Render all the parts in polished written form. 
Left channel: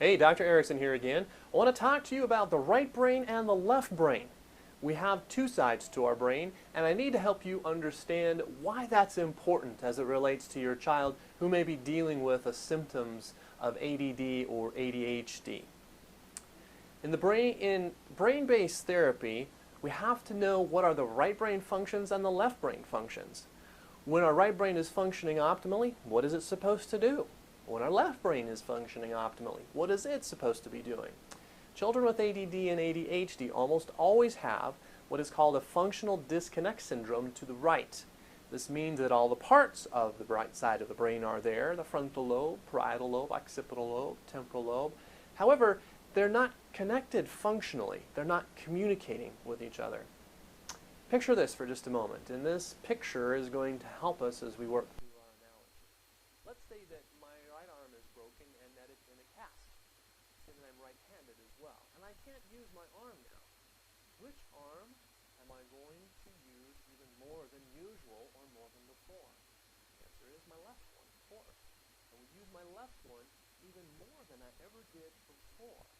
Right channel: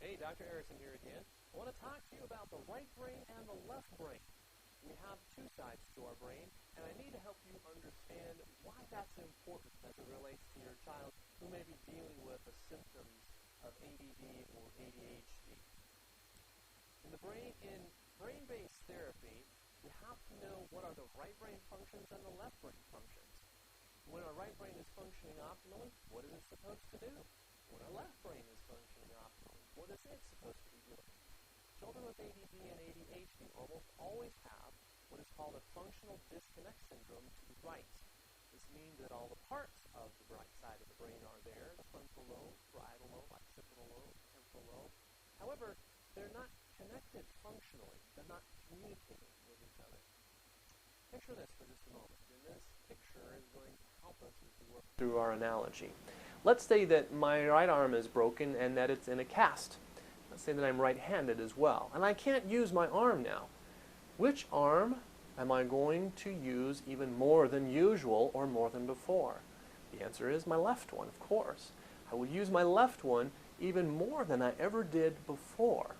Hey, Dr. Erickson here again. I want to talk to you about the right brain and the left brain. We have two sides to our brain, and I need to help you understand why that's important as it relates to your child who may be dealing with the symptoms of ADD or ADHD. In brain-based therapy, we have to know what are the right brain functions and the left brain functions. When our right brain is functioning optimally, what is it supposed to do? When our left brain is functioning optimally, what is it supposed to be doing? Children with ADD and ADHD almost always have what is called a functional disconnect syndrome to the right. This means that all the parts of the right side of the brain are there, the frontal lobe, parietal lobe, occipital lobe, temporal lobe. However, they're not connected functionally. They're not communicating with each other. Picture this for just a moment, and this picture is going to help us as we work through our analogy. Let's say that my right arm is broken and that it's in a cast. Let's say that I'm right-handed as well, and I can't use my arm now. Which arm am I going to use even more than usual or more than before? The answer is my left one, of course. I will use my left one even more than I ever did before.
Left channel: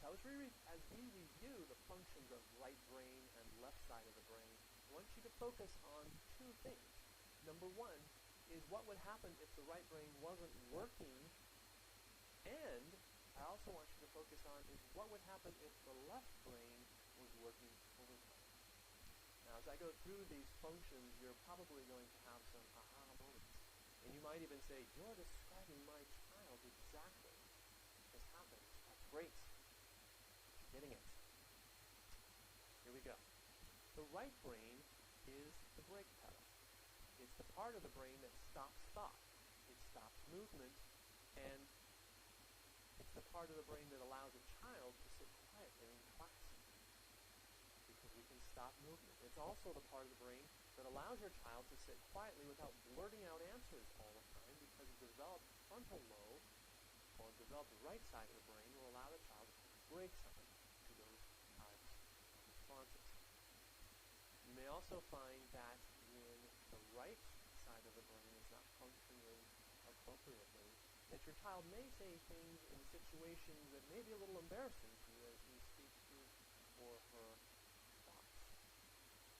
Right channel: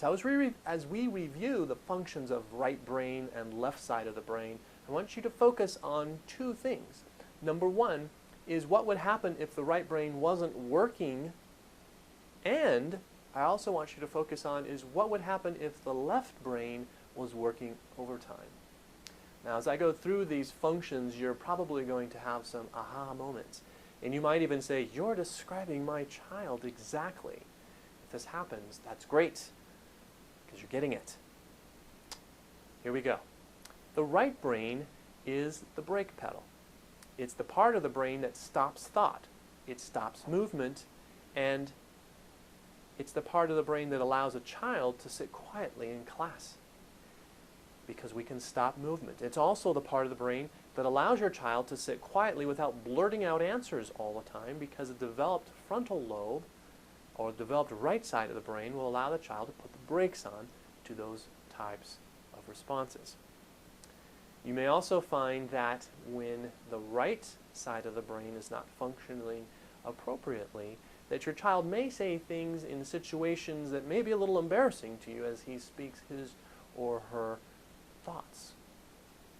So as we review the functions of right brain and left side of the brain, I want you to focus on two things. Number one is what would happen if the right brain wasn't working, and I also want you to focus on is what would happen if the left brain was working overtime. Now, as I go through these functions, you're probably going to have some aha moments. And you might even say, you're describing my child exactly. If this happens, that's great, because you're getting it. Here we go. The right brain is the brake pedal. It's the part of the brain that stops thought. It stops movement, and it's the part of the brain that allows a child to sit quietly in class, because we can stop movement. It's also the part of the brain that allows your child to sit quietly without blurting out answers all the time, because a developed frontal lobe or developed right side of the brain will allow the child to put the brakes on to those types of responses. You may also find that when the right side of the brain is not functioning appropriately, that your child may say things in situations that may be a little embarrassing to you as he speaks his or her thoughts.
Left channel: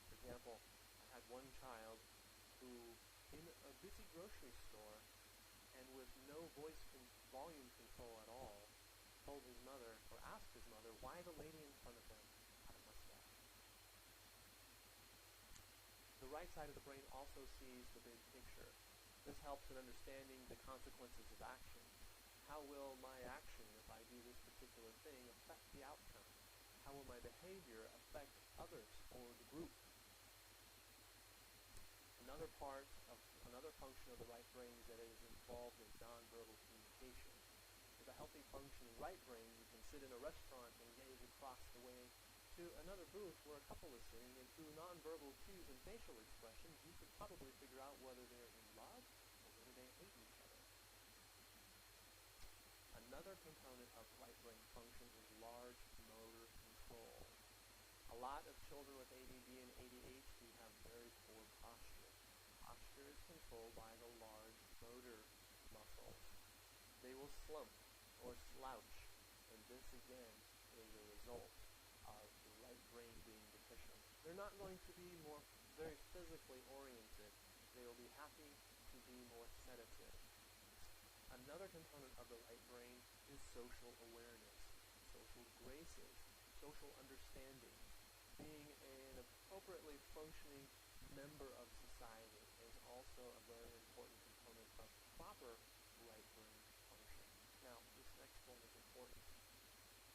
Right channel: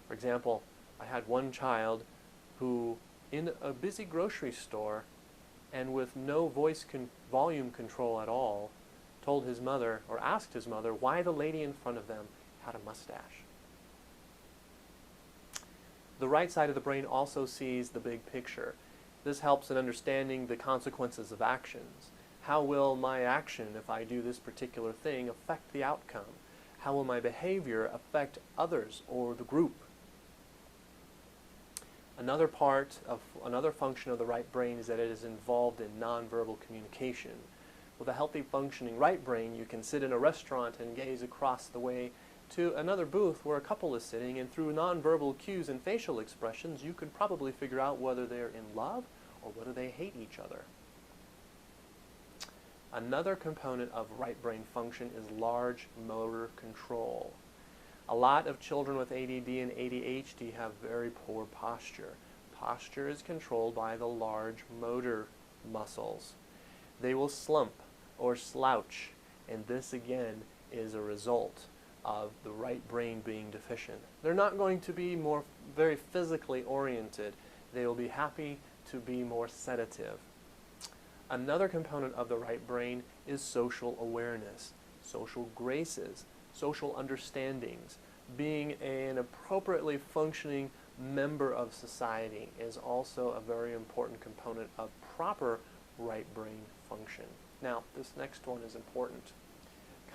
For example, I had one child who, in a busy grocery store and with no volume control at all, told his mother, or asked his mother, why the lady in front of them had a mustache. The right side of the brain also sees the big picture. This helps in understanding the consequences of actions. How will my action, if I do this particular thing, affect the outcome? How will my behavior affect others or the group? Another function of the right brain is that it is involved in nonverbal communication. With a healthy functioning right brain, you can sit in a restaurant and gaze across the way to another booth where a couple is sitting, and through nonverbal cues and facial expressions, you could probably figure out whether they're in love or whether they hate each other. Another component of right brain function is large motor control. A lot of children with ADD and ADHD have very poor posture. Posture is controlled by the large motor muscles. They will slump or slouch, and this again is a result of the right brain being deficient. They're not going to be very physically oriented. They will be happy to be more sedative. Another component of the right brain is social awareness, social graces, social understandings. Being an appropriately functioning member of society is also a very important component of proper right brain function. Now, this next one is important.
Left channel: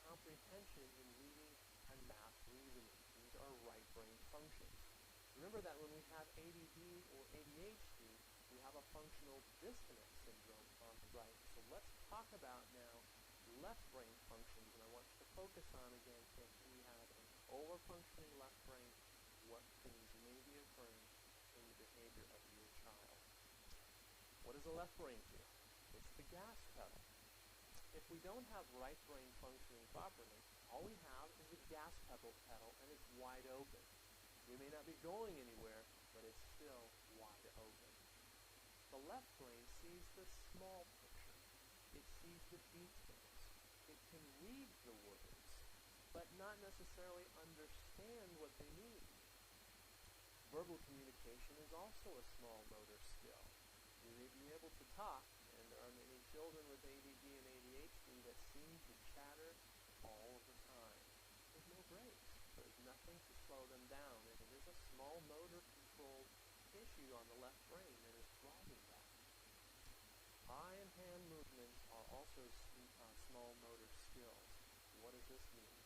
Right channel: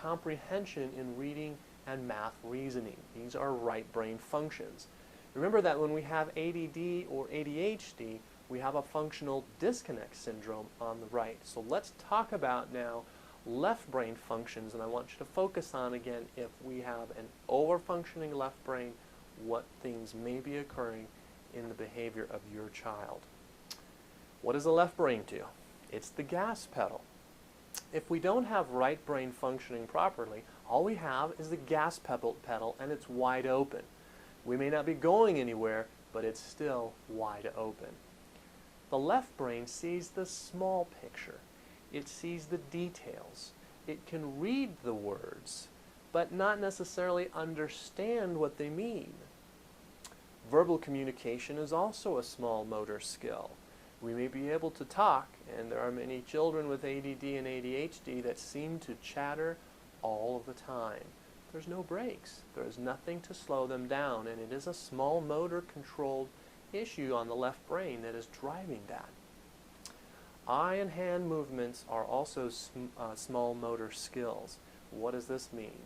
Comprehension in reading and math reasoning. These are right brain functions. Remember that when we have ADD or ADHD, we have a functional disconnect syndrome on the right. So let's talk about now left brain functions, and I want you to focus on again, if we have an over-functioning left brain, what things may be occurring in the behavior of your child. What does the left brain do? It's the gas pedal. If we don't have right brain functioning properly, all we have is the gas pedal and it's wide open. We may not be going anywhere, but it's still wide open. The left brain sees the small picture. It sees the details. it can read the words, but not necessarily understand what they mean. Verbal communication is also a small motor skill. We may be able to talk, and there are many children with ADD and ADHD that seem to chatter all of the time. There's no brakes. There is nothing to slow them down, and it is a small motor controlled issue on the left brain that is driving that. Eye and hand movements are also small motor skills. What does this mean?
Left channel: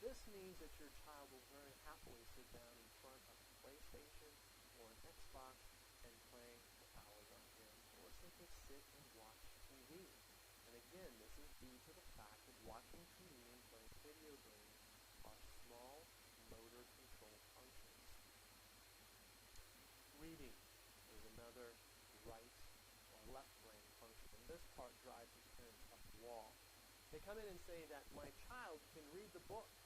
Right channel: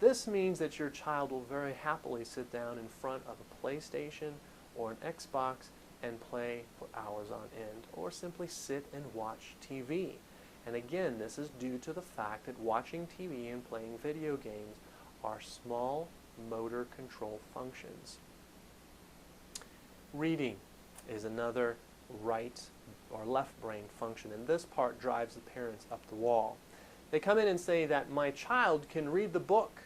This means that your child will very happily sit down in front of a PlayStation or an Xbox and play for hours on end, or simply sit and watch TV. And again, this is due to the fact that watching TV and playing video games are small motor control functions. Reading is another right or left brain function, and this part drives the parents up the wall. They come in and say that my child can read the book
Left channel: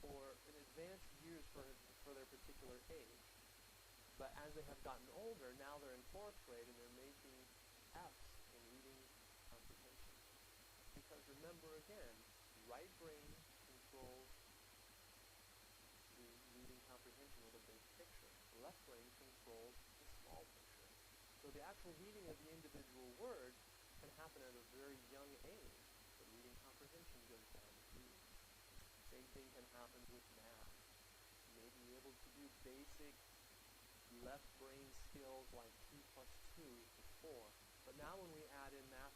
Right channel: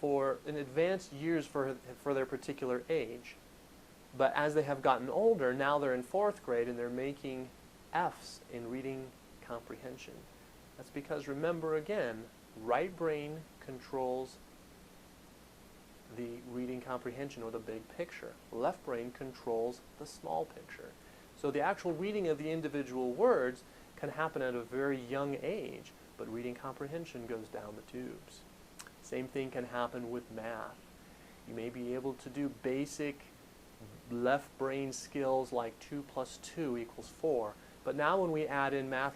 for in advanced years for their particular age, but as they have gotten older, now they're in 4th grade and they're making F's in reading comprehension. That's because, remember again, right brain controls the reading comprehension or the big picture. Left brain controls the small picture. So the actual reading of the individual words can happen at a very young age, but reading comprehension goes down the tubes. Same thing can happen with math. You may be able to do basic left brain skills like 2 plus 2 equals 4, but now when we add in math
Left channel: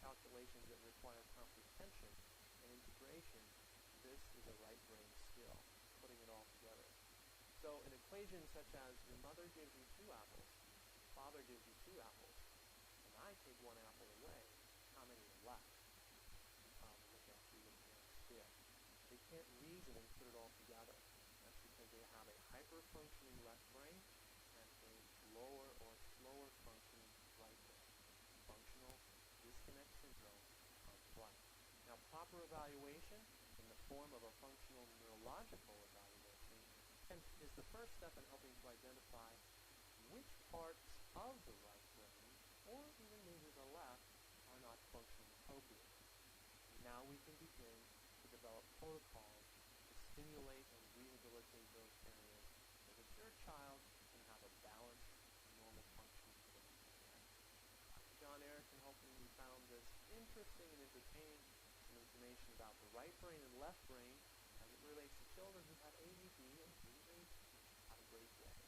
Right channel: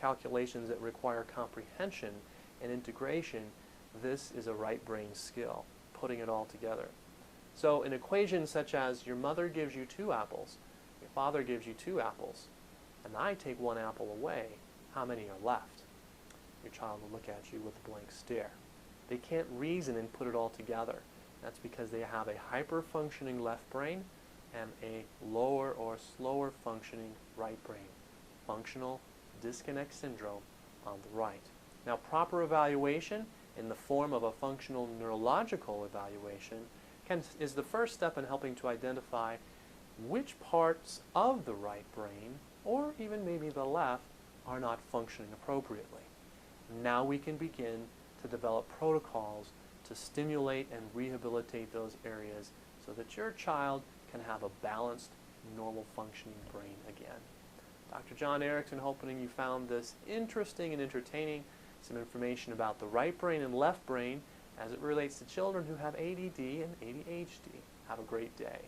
calculations that require comprehension and integration, this is a right brain skill, putting it all together. So an equation such as your mother gives you 2 apples, your father gives you 2 apples, and I take 1 apple away, how many are left? Your child will look at you with a blank stare. They can't reason and put it all together. That's because they have a hyper-functioning left brain and a lower or slower functioning right brain. Functional disconnect syndrome on the right. Now, proper evaluation in the form of a functional neurological evaluation is the first step in helping to identify which parts of the right brain, or even maybe the left, are not functioning appropriately. Now we can begin to develop protocols to stimulate and rehabilitate those areas so that your child can have a balanced, normal functioning brain again. Dr. John Erickson, hoping you found this interesting and entertaining. Some information about the right brain and left brain as it relates to children who have ADD and ADHD. Have a great day.